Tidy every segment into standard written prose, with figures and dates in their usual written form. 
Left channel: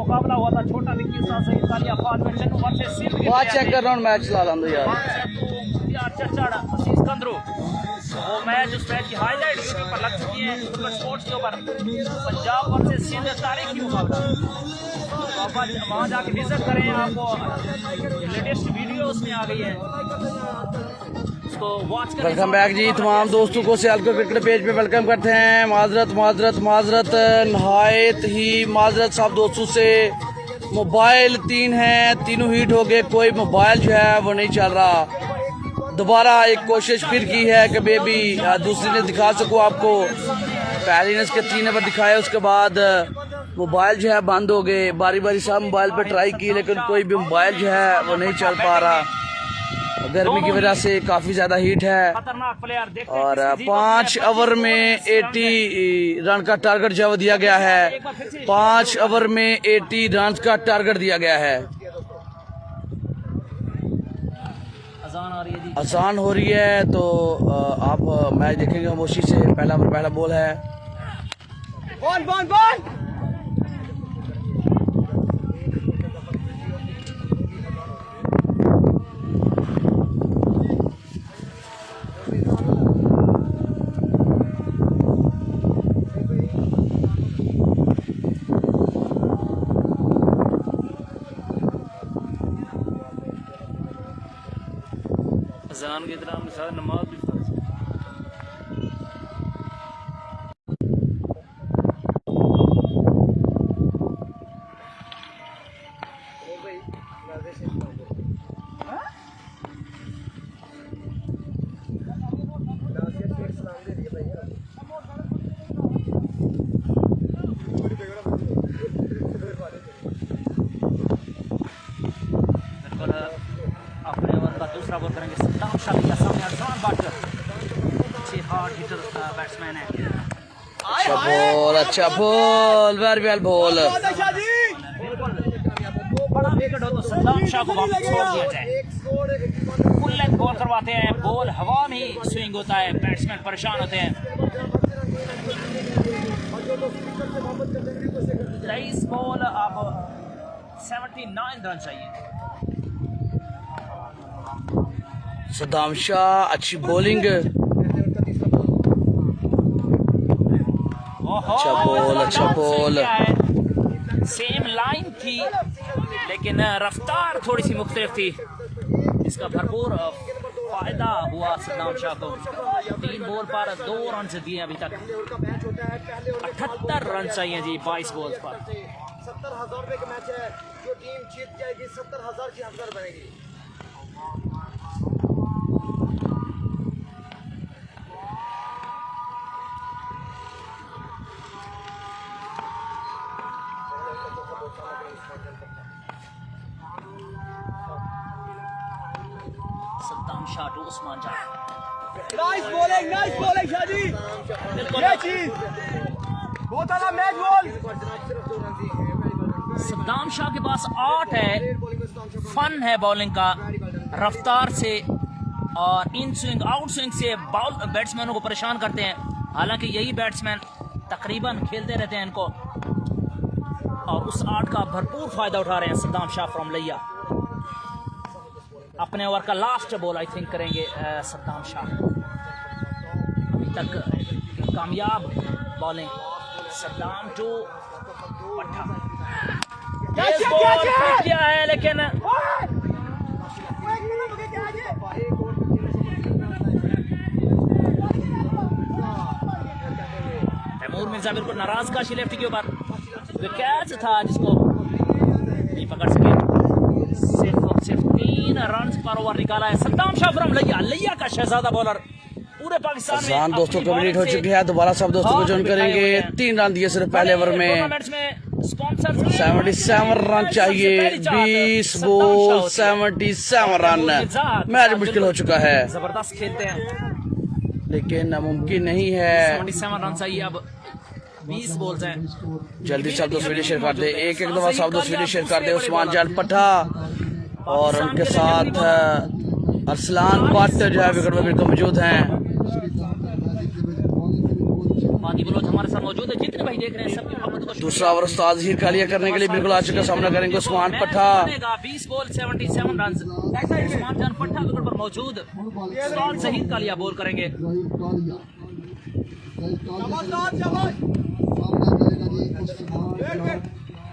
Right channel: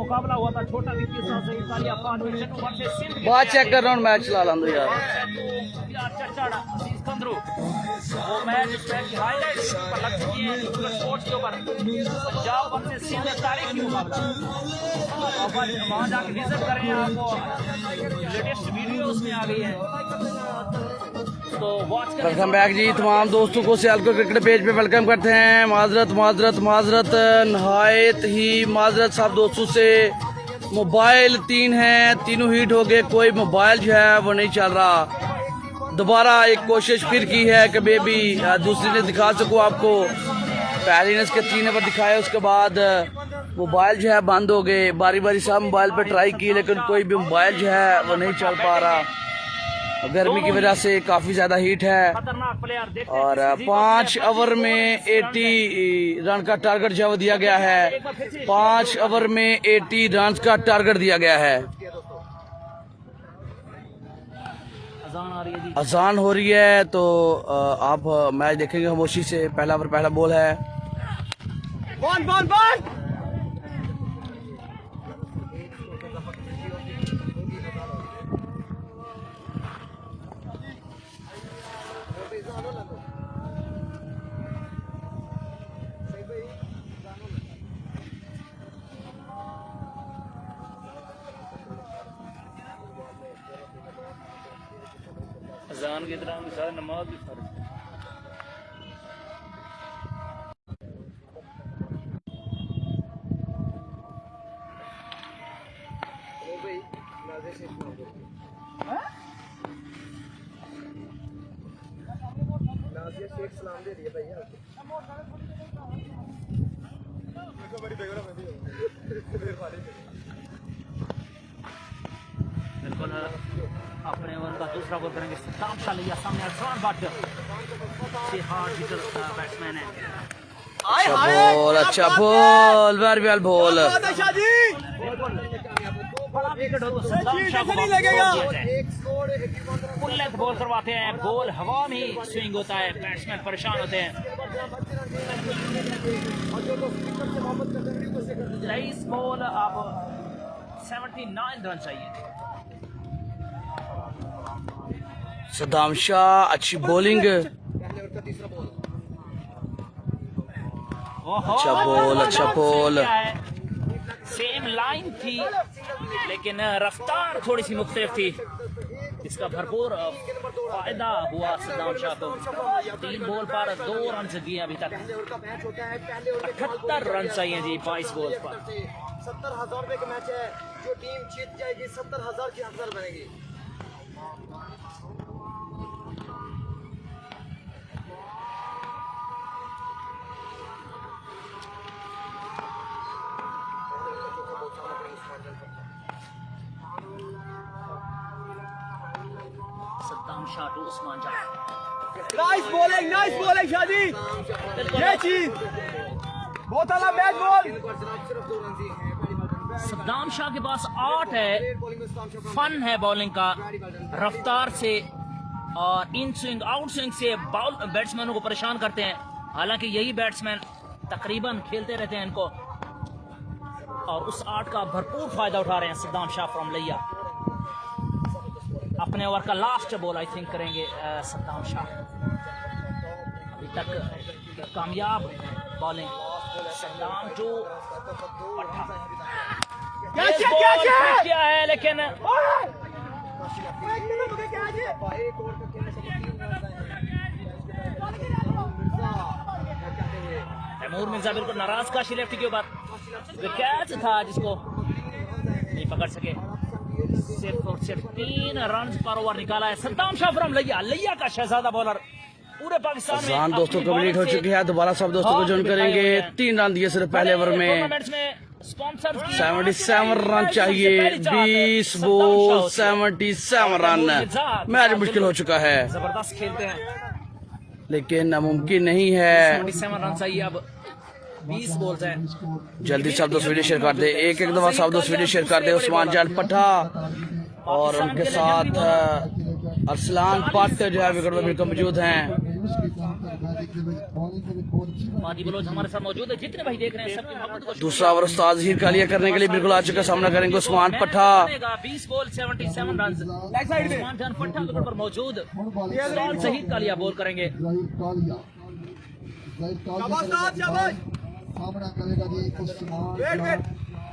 मुकाबला हुआ था छोटा विक्की साहब से इतालिया 5 मिनट वर्सेस सिंध बात चेक कर रहा हूँ मैच चला रहा हूँ यार चचाड़ा अजीज कंदरू वो मैच उस मैच की हाईलाइट यूट्यूब पर लग चुकी है स्पोर्ट्स के ऊपर पंजाब वर्सेस सिंध तारीखी मुकाबला वहाँ जाके विजिट करें आपको लेटेस्ट वीडियो उसमें आ गई है। वेलकम बैक जी। तमाम दोस्तों को सियालकोट क्रिकेट पेज पे वेलकम करते हैं। माजरत नहायत ही माजरत सब दोस्तों से। मोबाइल 3 हैं, तीनों हीट हो गए, कोई मोबाइल जो है वो नहीं चल रहा। दोबारा एक कोशिश फिर की है कि बेबी दूसरी ने दिखा सकूँ आपको। पहली ने इसके 3 नंबर दिखाया, उसके बाद मोबाइल जो है बंद हो गए। बारी बारी सब मोबाइल पे ट्राई की लेकिन कोई भी मोबाइल जो है वो नहीं चल पा रहा। गर्मी की वजह से काफ़ी ज़्यादा हीट है और 5 ओवर में 80 रन का टारगेट जो दिया गया है। 5 ओवर में 80 रन का टारगेट दिया गया है। अजान हो रही है तो आप मैच देखेंगे खामोशी से। पहला बॉल है। अज़ान के दौरान सारा नमाज भी दूसरा बॉल करेंगे। बैट्समैन है। अच्छा ball very well ball. Ball करवाते हैं, बॉल हवा में ही स्विंग होता है, बैट्समैन परेशान होते हैं। इस बॉल आप 79 रन चाहिए। सद्दाम शाह अच्छी बॉलिंग। अच्छा बॉल। सेम लाइन थी लेकिन रफ्तार थोड़ी सी मुख्तलिफ थी। इसका भरपूर फायदा हुआ सद्दाम शाह को। 3 बॉल पर 2 रन दिए अभी तक। 78 रन चाहिए जी 22 बॉल। 70,000 रुपए का मैच है। जो टीम जीत जाएगी 70,000 की हकदार बनेगी। Saddam Shah to Usman Jah. Nice bowling शादी। ये चीज बहुत अच्छा मैच बॉल। सद्दाम शाह के पास 8 है। फन है बॉलिंग का, रफ्तार से और इन स्विंग आउट स्विंग से बैट्समैनों को परेशान करते हैं। हालांकि यही बैट्समैन तकरीबन खेलते रहते हैं इनको और उस 8 का भरपूर फायदा उठा रहे हैं सद्दाम शाह फ्रॉम लिया। अपने ओवर का लास्ट बॉल आई थिंक करेंगे सद्दाम शाह। अभी तक कामयाब बॉलिंग सद्दाम टू क्या है लेकिन तैमूर मिर्जा बिल्कुल नाराज का लेफ्ट के ऊपर विकेट था जिसको नहीं पकड़ सके। सिर्फ 3 रन पर ओवर निकाला है सद्दाम शाह फ्रॉम लिया का शहजादा बॉलर। पूरे पाकिस्तान अजान दोस्तों कंप्लीट हो चुकी है। दोबारा सब दोस्तों को ज्वाइन करेंगे। 3 रन दिए सिर्फ पहले ओवर में। 77 रन चाहिए। 20 बॉल 77 रन। मैच मुश्किल हो चुका है जबरदस्त खेलते हैं लेकिन मुमकिन नहीं है। 77 रन चाहिए। अब 20 बॉल्स हैं। जल्दी सब दोस्त वीडियो शेयर कर दे। एक दफा सब दोस्त वीडियो शेयर कर दे। उस्मान जान पठा और उनके साथ अरसलान भट्ट जो है विकेट पर मौजूद हैं। हमारे साथ मौजूद है। जितने भाई देख रहे हैं सभी मोहम्मद को दूसरा ओवर उस्ताद ज़हीर कालिया करने के लिए बिल्कुल आ चुका, सामना करेंगे उस्मान पट्टा। 20 बॉल 77 रन। उस्मान जान पट्टा विकेट पर मौजूद, उस्ताद ज़हीर कालिया बॉल करेंगे।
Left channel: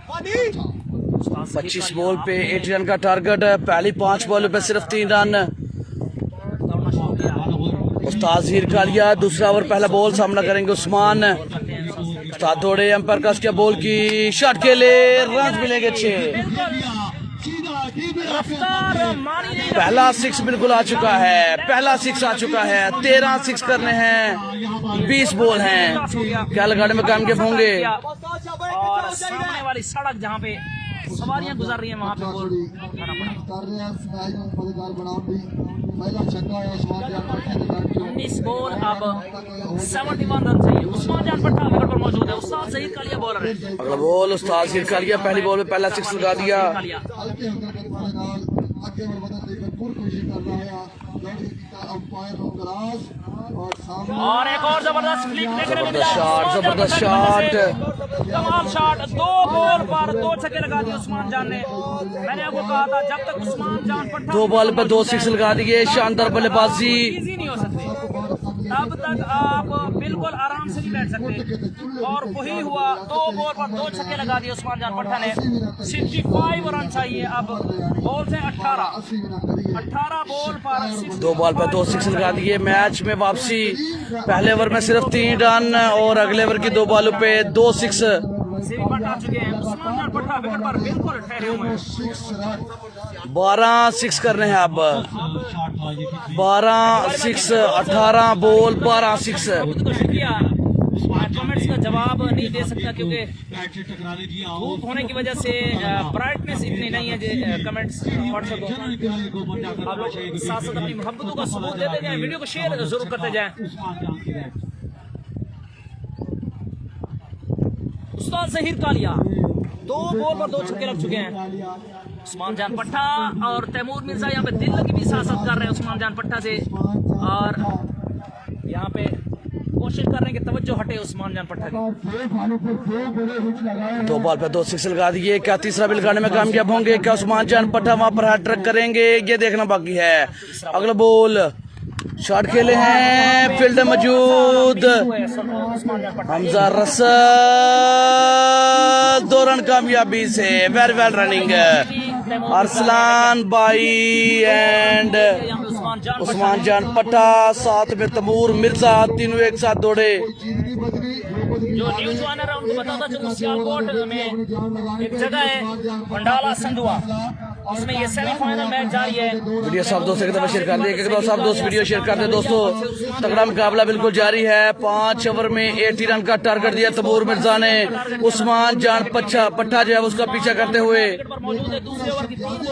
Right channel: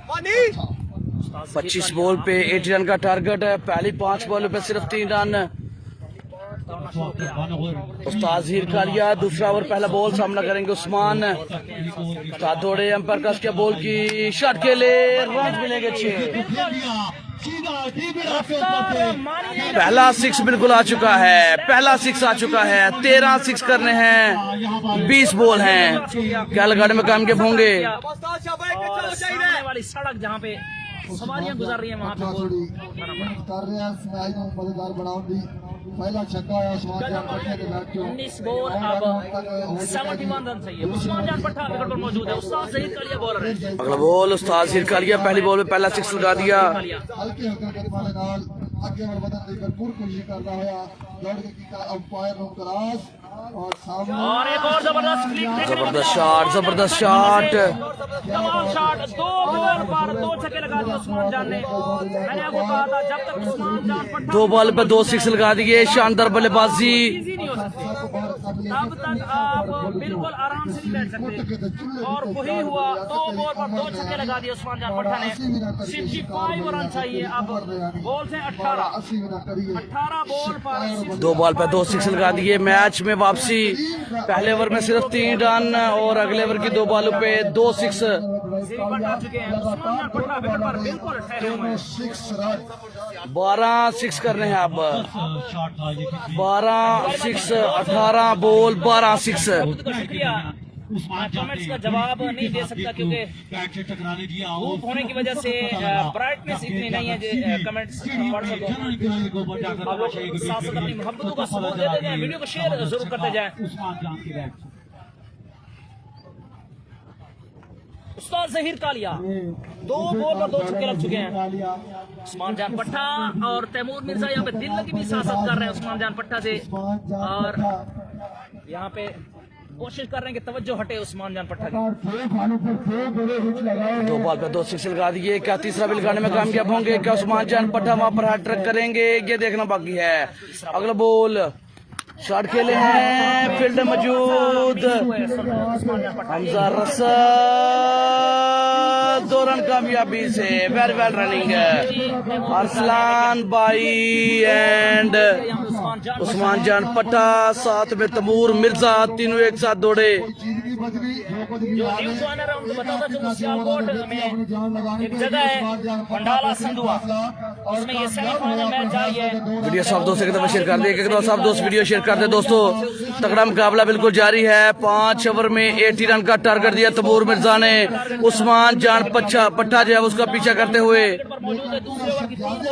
पानी 25 बॉल पे 80 रन का टारगेट है, पहली 5 बॉलों पे सिर्फ 3 रन। उस्ताद ज़हीर कालिया दूसरा ओवर पहला बॉल, सामना करेंगे उस्मान। उस्ताद दौड़े, अंपायर का उसके बॉल की शॉट के लिए रन मिलेंगे 6। पहला 6 बिल्कुल आ चुका है, पहला 6 आ चुका है। 13 6 करने हैं, 20 बॉल हैं। क्या लगाने में कामयाब होंगे? और सामने वाली सड़क जहाँ पे सवारियां गुजर रही हैं वहाँ पे बॉल कर रहे हैं स्माइल को मजेदार बनाओ। पहला छक्का है उस्मान जान पट्टा के बैट के 19 बॉल अब 71 रन चाहिए। उस्मान जान पट्टा विकेट पर मौजूद है, उस्ताद ज़हीर कालिया बॉलर है। अगला बॉल उस्ताद ज़हीर कालिया पहली बॉल में पहला 6 लगा दिया। हल्के हरकत वाले नाल आगे बढ़ बदल लेकर पूरी कोशिश कर रहा है दौड़ की अंपायर को क्रॉस और सामने और एक और जबरदस्त फ्लिक, जबरदस्त शॉट, जबरदस्त शॉट। तमाम शॉट, 2 बॉल पर 2 छक्के लगा दिए उस्मान जान ने। मैंने आपको कहा था जब तक उस्मान जान पट्टा 2 बॉल पे 2 6 लगा दिए, शानदार बल्लेबाजी। इजी नहीं हो सकते, तब तक आप बिल्कुल आराम से नहीं बैठ सकते। और वही हुआ, 2 बॉल पर 2 छक्के लगा दिए उस्मान जान पट्टा ने। 65 रन चाहिए अब, बॉल से 18 बॉल पर 2 बॉल पे 2 6 लगा दिए। मैच में वापसी, पहले ओवर में सिर्फ 3 रन और अगले ओवर की 2 बॉलों पे 2 6। आ चुके हैं। उस्मान जान पट्टा विकेट पर बिल्कुल ठहरे हुए हैं। 12 6 करने हैं अब, 12 6, 18 बॉल 12 6। बहुत बहुत शुक्रिया। मैं कमेंट्स का जवाब नहीं दे सकता क्योंकि धूप होने की वजह से ब्राइटनेस इतनी नहीं है जो कमेंट्स पढ़ सको। आप लोग साथ साथ अपनी मोहब्बत का सबूत देते जाएं, वीडियो को शेयर जरूर करते जाएं। उस्ताद ज़हीर कालिया 2 बॉल पर 2 छक्के लग चुके हैं। उस्मान जान पट्टा और तैमूर मिर्जा यहाँ पे दिल की भी सियासत कर रहे हैं उस्मान जान पट्टा से, और यहाँ पे कोशिश कर रहे हैं कि तवज्जो हटे उस्मान जान पट्टा की। 2 बॉल पे 2 6 लगा दिए। क्या तीसरा भी लगाने में कामयाब होंगे? क्या उस्मान जान पट्टा वहां पर हैट्रिक करेंगे? ये देखना बाकी है। अगला बॉल शॉट खेले हैं, फील्ड मौजूद हमजा रसल, 2 रन कामयाबी से। वेरी वेल रनिंग अरसलान भाई एंड उस्मान जान पट्टा, साथ में तैमूर मिर्जा, तीनों एक साथ दौड़े। जो न्यूज़ वानर है उनको बताता चलो सियालकोट में एक जगह है भंडाला संधुआ, उसमें ये सेमीफाइनल मैच जारी है। वीडियो सब दोस्तों की तरफ शेयर कर दिए, एक सब दोस्त वीडियो शेयर कर दे दोस्तों। तगड़ा मुकाबला बिल्कुल जारी है। 5 ओवर में 80 रन का टारगेट दिया तैमूर मिर्जा ने। उस्मान जान पट्टा जो है उसका पीछा करते हुए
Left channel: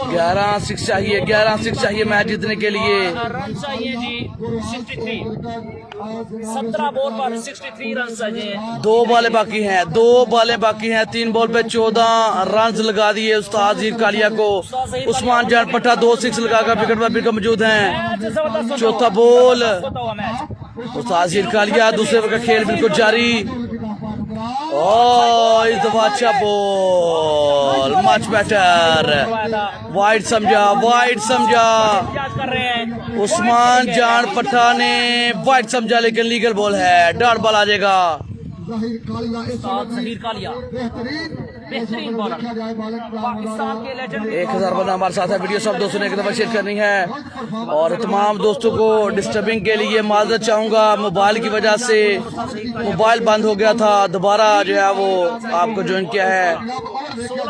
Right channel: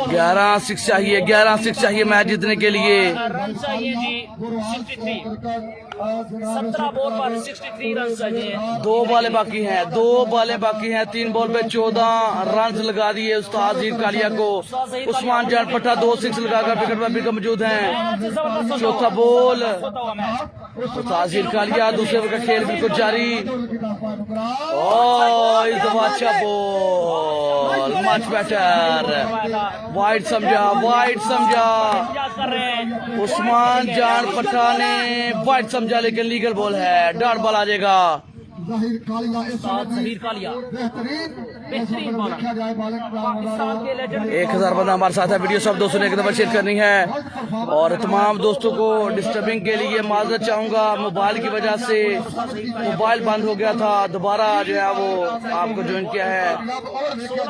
11 6 चाहिए, 11 6 चाहिए मैच जीतने के लिए। रन चाहिए जी 63, 17 बॉल पर 63 रन चाहिए। 2 बॉलें बाकी हैं, 2 बॉलें बाकी हैं। 3 बॉल पे 14 रन लगा दिए उस्ताद ज़हीर कालिया को। उस्मान जान पट्टा 2 6 लगाकर विकेट पर विकेट मौजूद हैं। चौथा बॉल उस्ताद ज़हीर कालिया, दूसरे ओवर का खेल बिल्कुल जारी। ओह इस दफा अच्छा बॉल, मच बेटर, वाइड समझा, वाइड समझा। कर रहे हैं उस्मान जान पट्टा ने वाइड समझा, लेकिन लीगल बॉल है, डॉट बॉल आ जाएगा। ज़हीर कालिया इस ज़हीर कालिया बेहतरीन बॉलर, पाकिस्तान के लेजेंड। 1000 बंदा हमारे साथ है। वीडियो सब दोस्तों ने एक दफा शेयर करनी है और तमाम दोस्तों को डिस्टर्बिंग के लिए माजरत चाहूंगा। मोबाइल की वजह से मोबाइल बंद हो गया था, दोबारा जो है वो आपको ज्वाइन किया है।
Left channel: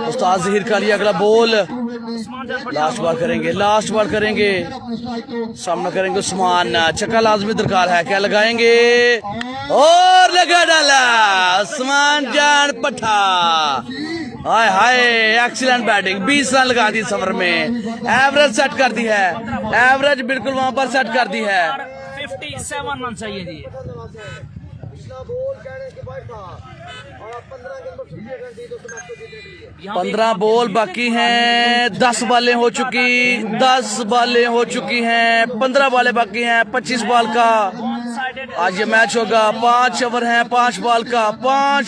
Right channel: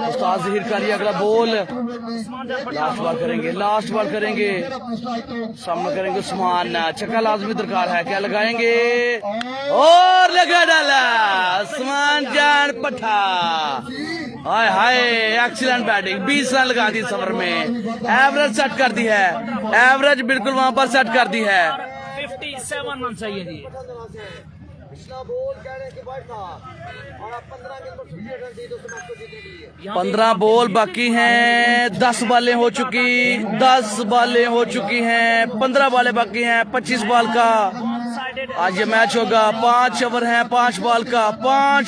उस्ताद ज़हीर कालिया अगला बॉल, लास्ट बॉल करेंगे, लास्ट बॉल करेंगे, सामना करेंगे उस्मान। छक्का लाजमी दरकार है, क्या लगाएंगे और लगा डाला उस्मान जान पट्टा। हाय हाय एक्सीलेंट बैटिंग, 20 रन लगा दी इस ओवर में। एवरेज सेट कर दी है, एवरेज बिल्कुल वहां पर सेट कर दी है। 57 रन चाहिए जी। पिछला बॉल कहने के बाद था और 15 के अंदर 50 रन दी तो मैच को जीतने के लिए। 15 बॉल बाकी हैं, 10 बॉलें हो चुकी, 10 बॉलें हो चुकी हैं, 15 बॉलें बाकी हैं 25 बॉल का। वन साइडेड आज ये मैच होगा। 5 ओवर हैं, 5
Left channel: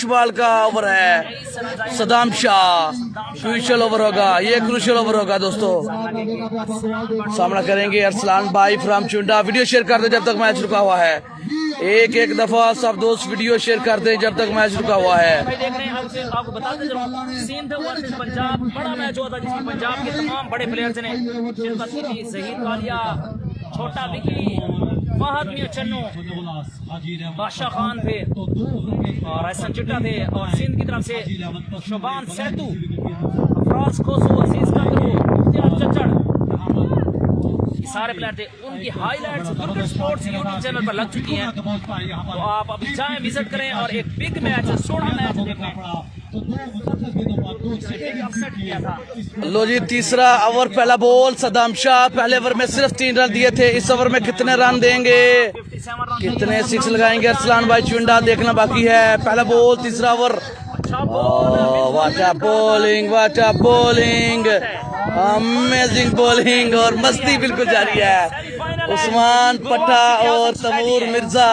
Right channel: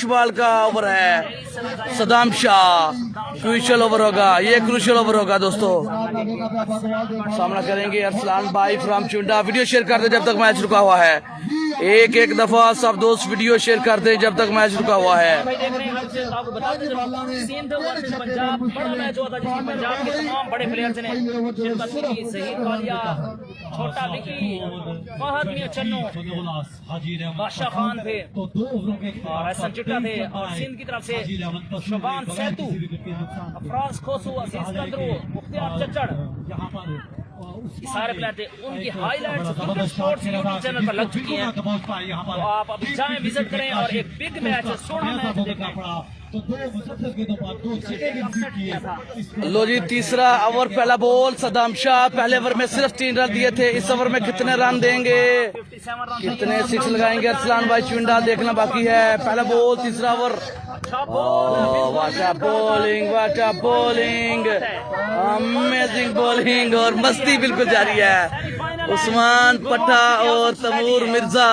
बॉल का ओवर है। सदाम शाह क्रूशियल ओवर होगा, ये क्रूशियल ओवर होगा दोस्तों। सामना करेंगे अरसलान भाई फ्रॉम चुंडा। वीडियो शेयर कर दे जब तक मैच रुका हुआ है। एक दफा सब दोस्त वीडियो शेयर कर दे जब तक मैच रुका हुआ है। आपको बता दें सिंध वर्सेस पंजाब बड़ा मैच हुआ था जिसमें पंजाब के तमाम बड़े प्लेयर्स ने शहीद वालिया, छोटा विकी, फहद मियां चन्नू, बादशाह खान थे, एहसन चिट्टा थे, और सिंध की तरफ से शोबान सैतू, फ्रांस कोसो, अजीज कांगरू, इम्तियाज चच्चड़, सारे प्लेयर थे। उनकी highlights Durga sports YouTube channel पर लग चुकी हैं, तो आप अभी जाएं, विजिट करें और एक बिग मैच, सोना मैच देखें। लो जी, तीसरा ओवर, पहला बॉल सदाम शाह। पहले ओवर में सिर्फ 3 रन दिए थे। इस ओवर में कितने रन देंगे, कितने 6 लगाएंगे अरसलान भाई चुंडा, देखना बाकी है। पहला बॉल, तीसरा over. What a bowling, amazing bowling, और मस्ती बिल्कुल जारी है। उस्मान पट्टा और तमूर मिर्जा,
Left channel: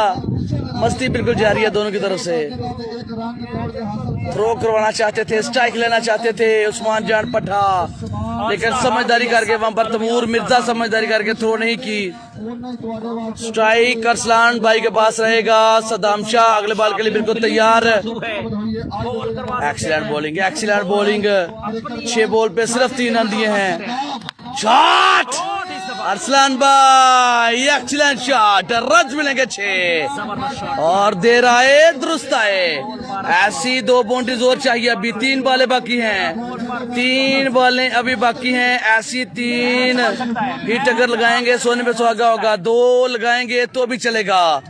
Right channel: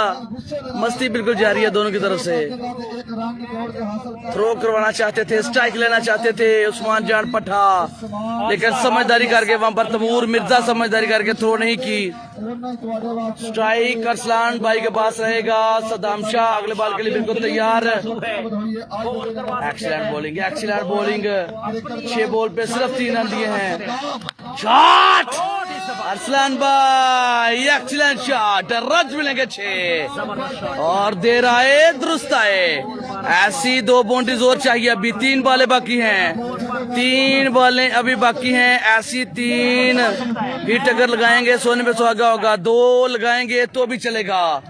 मस्ती बिल्कुल जारी है दोनों की तरफ से। थ्रो करवाना चाहते थे, स्ट्राइक लेना चाहते थे उस्मान जान पट्टा, लेकिन समझदारी करके वहां पर तमूर मिर्जा समझदारी करके थ्रो नहीं की। स्ट्राइक अरसलान भाई के पास रहेगा। सदाम शाह अगले बॉल के लिए बिल्कुल तैयार। Excellent bowling. 6 बॉल पे सिर्फ 3 रन दिए हैं। शॉट अरसलान भाई, एक्सीलेंट शॉट, रज मिलेंगे 6 और दे रहा है, दुरुस्त आए। ऐसी 2 बाउंड्रीज और चाहिए। अभी 3 बॉलें बाकी हैं, 3 बॉलें अभी बाकी हैं। ऐसी 3 हिट अगर लगाएंगे सोने पे सुहागा होगा। 2 लगाएंगे तो भी चलेगा।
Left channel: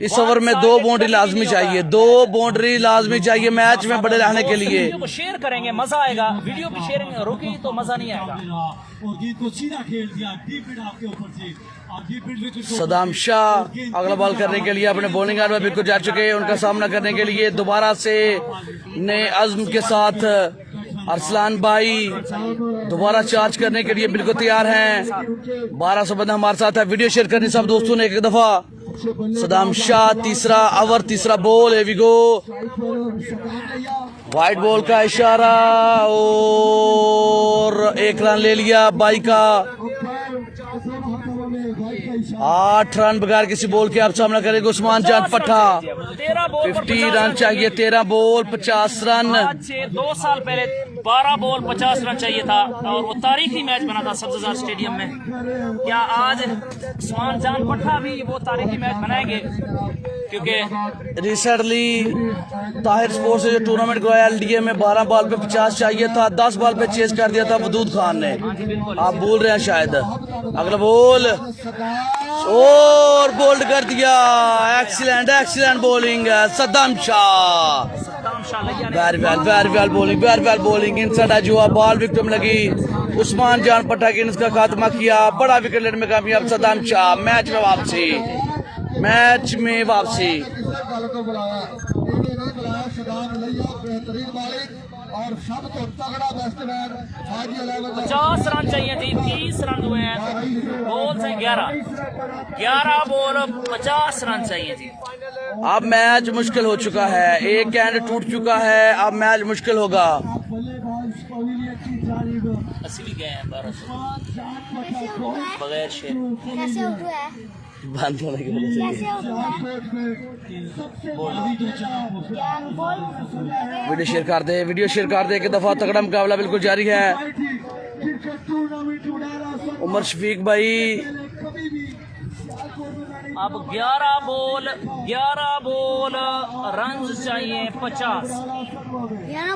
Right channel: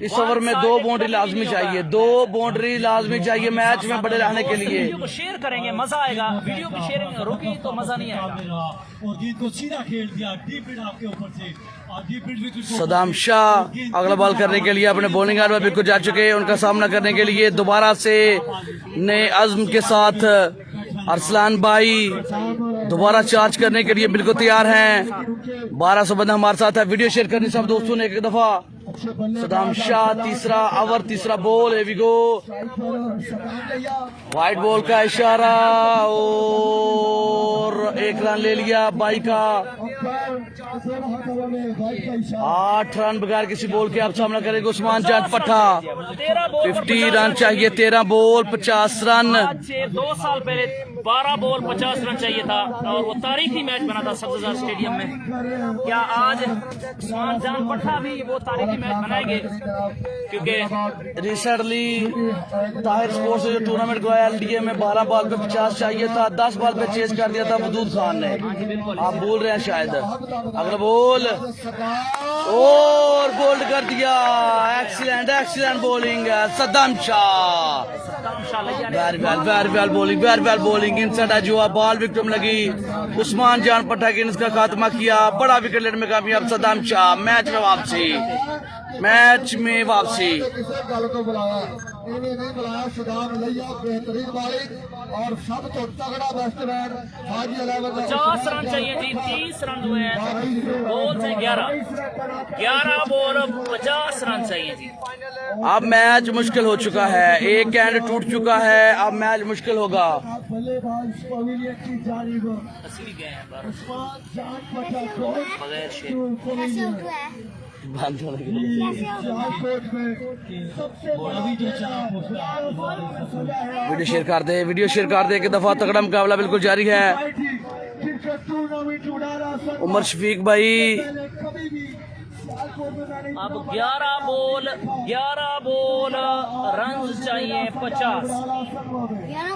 इस ओवर में 2 बाउंड्री लाजमी चाहिए, 2 बाउंड्री लाजमी चाहिए मैच में बड़े रहने के लिए। वीडियो को शेयर करेंगे, मजा आएगा। वीडियो को शेयर रोकी तो मजा नहीं आएगा। और जीत को सीधा खेल दिया डीप हिट आपके ऊपर से। सदाम शाह अगला बॉल करने के लिए अपने बॉलिंग एंड में बिल्कुल जा चुके हैं। उनका सामना करने के लिए दोबारा से नए अज़्म के साथ अरसलान भाई दोबारा चार्ज करने के लिए बिल्कुल तैयार हैं। 1200 बंदा हमारे साथ है। वीडियो शेयर करनी सब दोस्तों ने एक दफा। सदाम शाह, तीसरा ओवर, तीसरा ball, here we go। White ball का इशारा और 1 रन ले लिया बाई का। 8 रन बगैर किसी बॉल के आप सामना करेंगे उस्मान जान पट्टा। 50 रन चाहिए, 13 बॉल 50 रन। 2 साल पहले 12 बॉल 50 रन चाहिए था और वो तारीखी मैच बना था सब्ज़ार स्टेडियम में। क्या आज उस्मान जान पट्टा भी वो तारीखी मैच बनाएंगे? क्योंकि रिसेंटली ताहिर स्पोर्ट्स से जो टूर्नामेंट करवाया एलडीए में 12 बॉल पे 50 चाहिए था, 10 बॉल पे चेस कर दिया था वदूद खान ने। आप भूल रहे हैं शायद। अगला बॉल और बोल्ड कर दिया। Excellent bowling Saddam Shah. Very well bowling. Inside अजवा बॉल विकेट लगी। उस्मान जान पट्टा की इसका खात्मा किया। बड़ा विकेट लेने में कामयाब सदाम शाह। मैच में वापसी। और सब तो तगड़ा बैट्समैन 50 रन चाहिए जी। 30 रन हुए हैं बॉल से 11 बॉल 50 रन चाहिए जी। अब मैच मुश्किल हो चुका है। एक एंड टूट चुका है, अब मैच मुश्किल होगा। बगैर शेर बंद होने की वजह से वीडियो शेयर कर दे। एक दफा तगड़ा मुकाबला बिल्कुल जारी है। उमर शफीक भाई अब 11 बॉल रन चाहिए 50।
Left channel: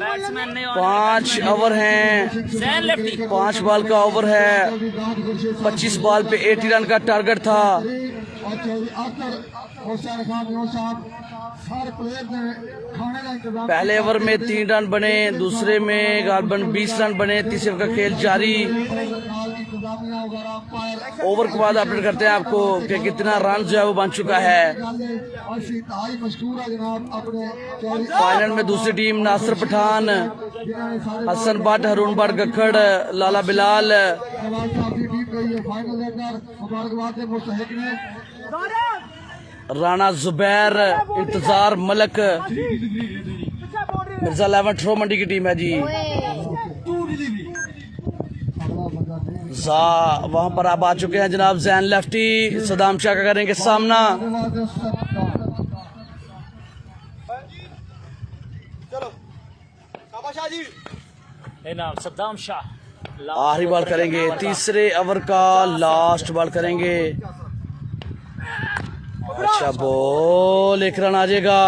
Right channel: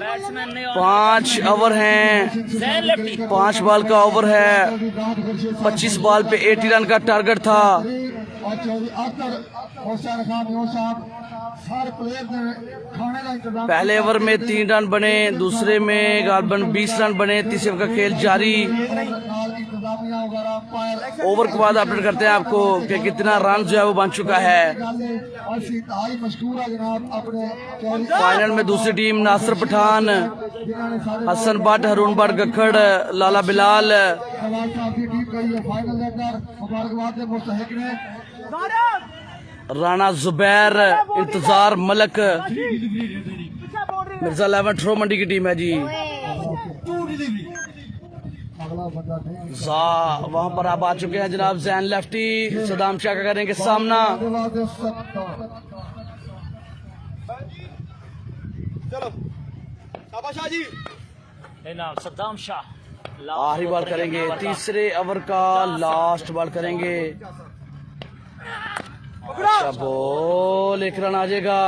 बैट्समैन ने 5 ओवर हैं, 5 बॉल का ओवर है। 25 बॉल पे 80 रन का टारगेट था। पहले ओवर में 3 रन बने, दूसरे में गालबन 20 रन बने, तीसरे ओवर का खेल जारी। ओवर के बाद अपडेट करते हैं आपको कि कितना रन जो है वो बन चुका है। फाइनल में दूसरी टीम नासिर पठान, हसन भट्ट, हरून भट्ट गखड़, लाला बिलाल। राणा जुबैर, इंतजार मलक, मिर्जा 11 थ्रो मंडी की टीम है जी। वहां पर आप आ चुके हैं जनाब जैन लेफ्टी, सदाम शाह का करेंगे सामना। सद्दाम शाह आखिरी बॉल करेंगे, तीसरे ओवर का लास्ट बॉल करेंगे। अच्छा बॉल, एक रन आ जाएगा।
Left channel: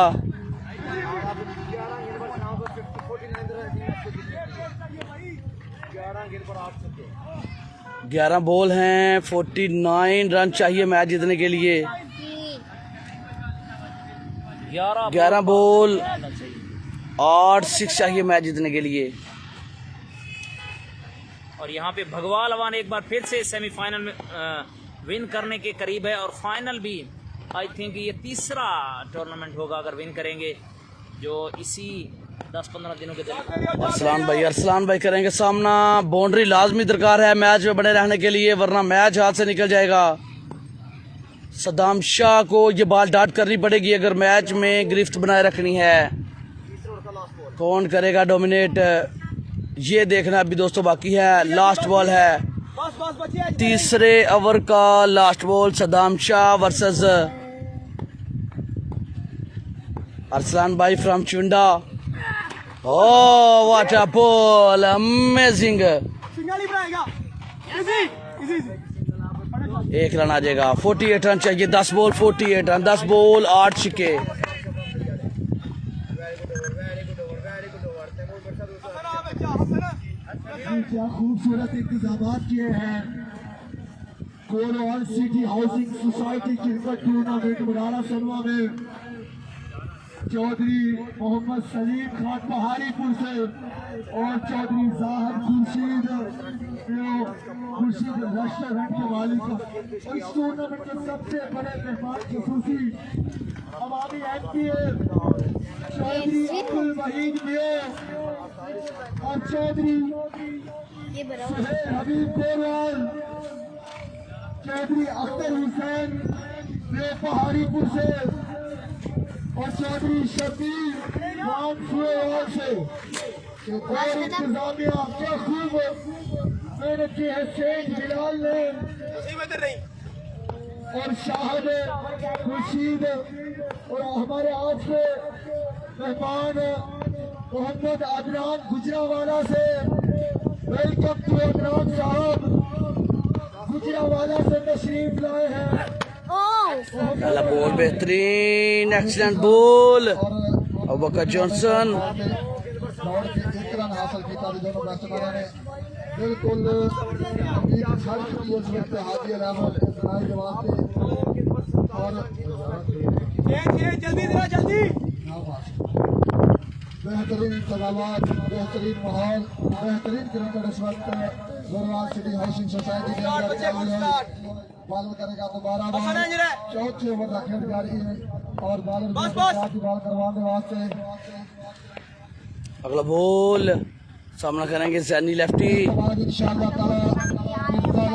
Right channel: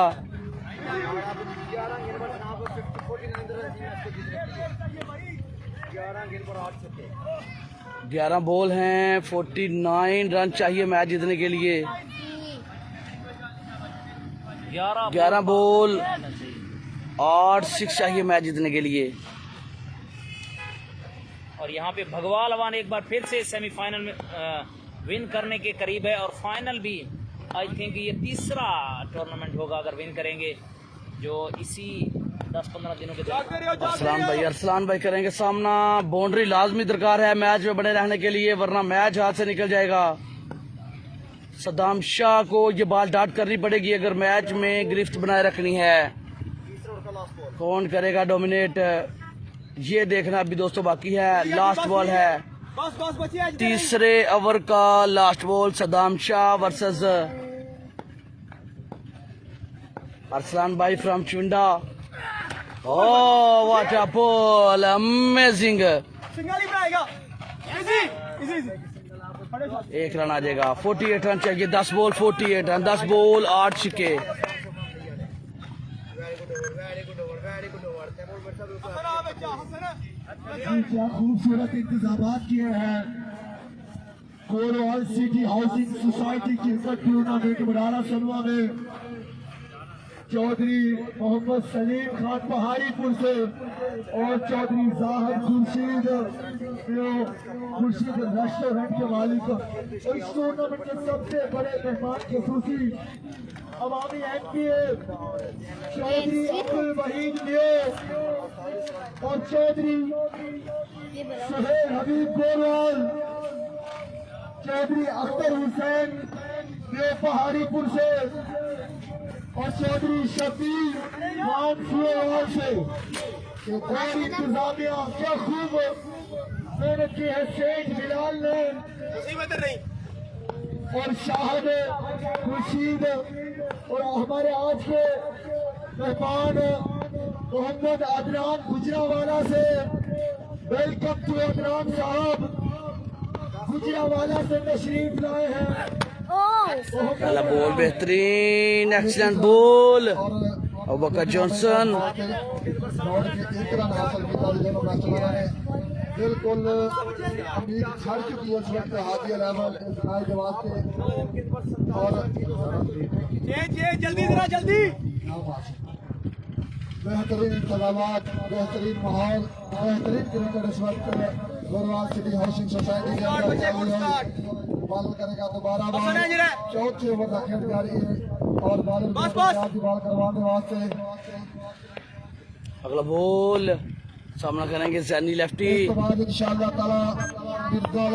11 बॉल हैं, 49 रन चाहिए मैच जीतने के लिए। 11 बॉल 8 6 चाहिए मैच जीतने के लिए। और यहाँ पे भगवाल अवान एक बार फिर से सेमीफाइनल में विन करने के करीब है, और फाइनल भी आई थिंक ये तीसरा टूर्नामेंट होगा अगर विन करेंगे, जो इसी 10-15 दिनों के दौरान। अरसलान भाई करेंगे सामना। बाउंड्री लाजमी दरकार है मैच में बने रहने के लिए, वरना मैच हाथ से निकल जाएगा। सद्दाम शाह को ये बॉल डाट करनी पड़ेगी अगर मैच में गिरफ्त बनाए रखनी है। कौन करेगा डोमिनेट, ये देखना अभी दोस्तों बाकी है। लास्ट बॉल है, तीसरे ओवर का last ball, Saddam Shah versus Arsalan भाई from Chunda. Oh, what a ball! Amazing! एक रन आ जाएगा। 48 रन चाहिए, 10 बॉल 48 रन, 10 बॉल 8 छक्के। क्या खूबसूरत इंतजाम किए हैं Korwal city housing society cricket tournament Barara Sanwa में। चौधरी मोहम्मद सलीम खान पहाड़ीपुर से और चौधरी जाहिर खुर्शीद रेस्टोरेंट के मालिक, इस टूर्नामेंट के सबसे बड़े मेहमान खसूसी अवामी एमपीए चौधरी अब्दुल वहीद मियां और चौधरी सुहेल हबीब कोरवाल, चौधरी अख्तर हुसैन पहाड़ीपुर से और चौधरी शकील खान सुहेल से। और इंतजामिया क्या खूब मेहनत की है शेख बिलाल ने और साहब खुर्शीद और हमारे आज के मेहमान मोहम्मद अदनान गुजरावाला से। वेलकम टू अदनान साहब, गुजरावाला से तशरीफ लाए हैं। पहला बॉल बेहतरीन, एक्सीलेंट बॉल, अबूबकर जॉनसन। दौड़ के 1 रन हासिल किया दोनों बैट्समैनों ने। बिल्कुल उम्मीद छड़ चुकी है इस वक्त हादिया रहमत इस्माइल जवाब के। और जल्दी बेहतरीन इंतजामात, बेहतरीन माहौल, बेहतरीन क्रिकेट इस वक्त गोरवाल सिटी हाउसिंग सोसाइटी के अंदर चालू है। बॉल करेगा दोबारा बॉल, चौथे ओवर का खेल जारी है और बॉलर बॉल करवाने वास्ते अगला बॉल सामना करेंगे जैनी लेफ्टी, इंशाअल्लाह ताला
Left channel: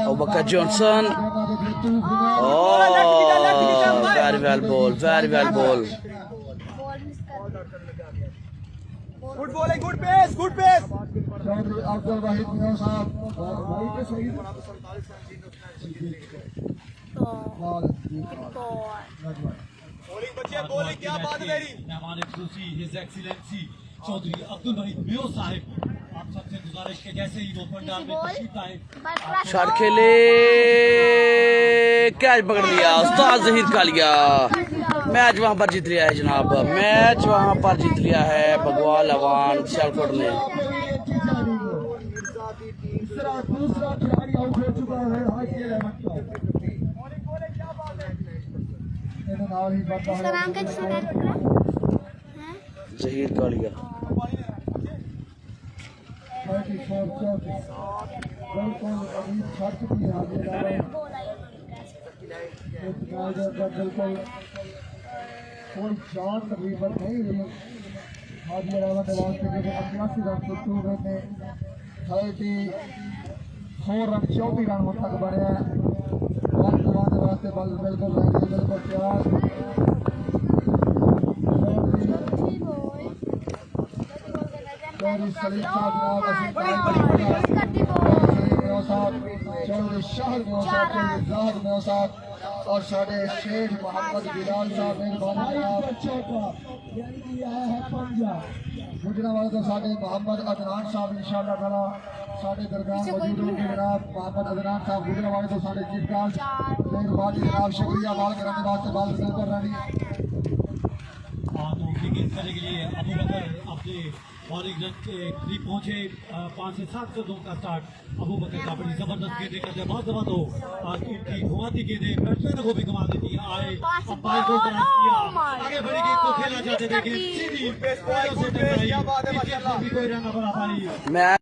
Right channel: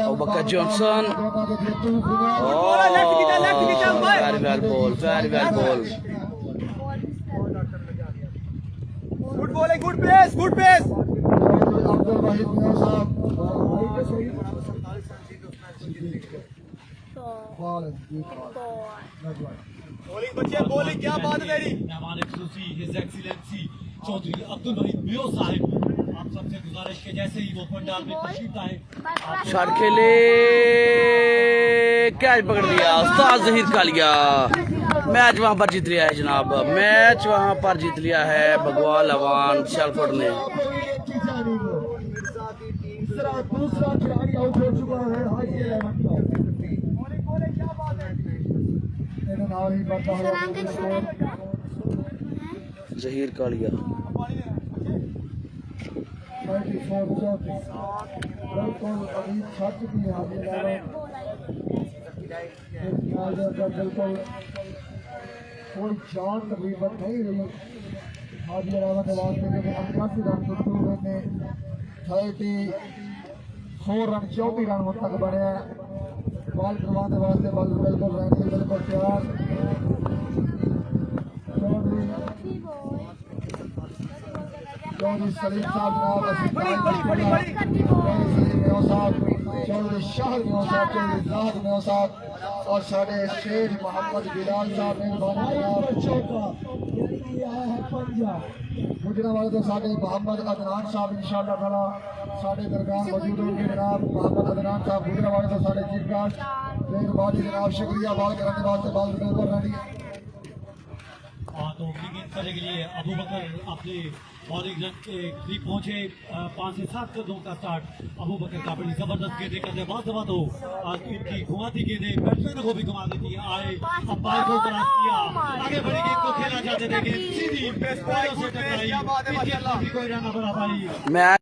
Abubakar Johnson. Very well ball, very well ball. Good pace, good pace. Abdul Waheed Mian Sahab bowling क्या बात है मेरी। मेहमान खुशी हिज एक्सीलेंसी चौधरी अब्दुल वहीद मियां साहिब, आप सबसे गुजारिश के जैसे ही वो पंडाल में तशरीफ लाए। शॉट खेले, कैच पकड़ लिया उस्ताद जहीर कालिया। मैच वहां पर जीत लिया है जनाब, मैच वहां पर जीत लिया है भगवाल अवान सियालकोट ने। दूसरा खिलाड़ी आउट हो चुका है। जहीर कालिया बिल्कुल अभी छत भी बिल्कुल कोई जान तकरीबन नहीं रही। हाजी रहमत वास्ते 89 रन टूर में 34 रन 34 रन तक बने। बॉल घुमाने वास्ते बॉल बिल्कुल रेडी बिल्कुल तैयार चौधरी सलीम साहब जनाब असीम तारीख चौधरी शाहिद मेव साहब चौधरी जाहिद मेव साहब और साढ़े शेख मोहम्मद बिलाल साहब मेहरबानी गुजरा वाले तो साढ़े मोहम्मद अदनान साहब इंशाअल्लाह ताला साढ़े दरमियान मौजूद होंगे जनाब मोहम्मद अदनान साहब गुजरा वाले तो साढ़े चीफ गार्ड मेहरबानी जनाब शुक्रिया बाल करने वास्ते बाल कर रही तो विकेट करने के लिए अबू बकर अपने बॉलिंग रन के करीब पहुंचे 5 से 7 रनों का स्टार्ट अबू बकर का बड़ी जबरदस्त गेंदें करते बहुत जमा तो इनकी घुमाती गेंदें बैट्समैन को भी घुमा देती है आए अंपायर को क्रॉस किया आगे बड़ी गेंद को खेला जाते थे सीधी कोई रन न बना पाई मैं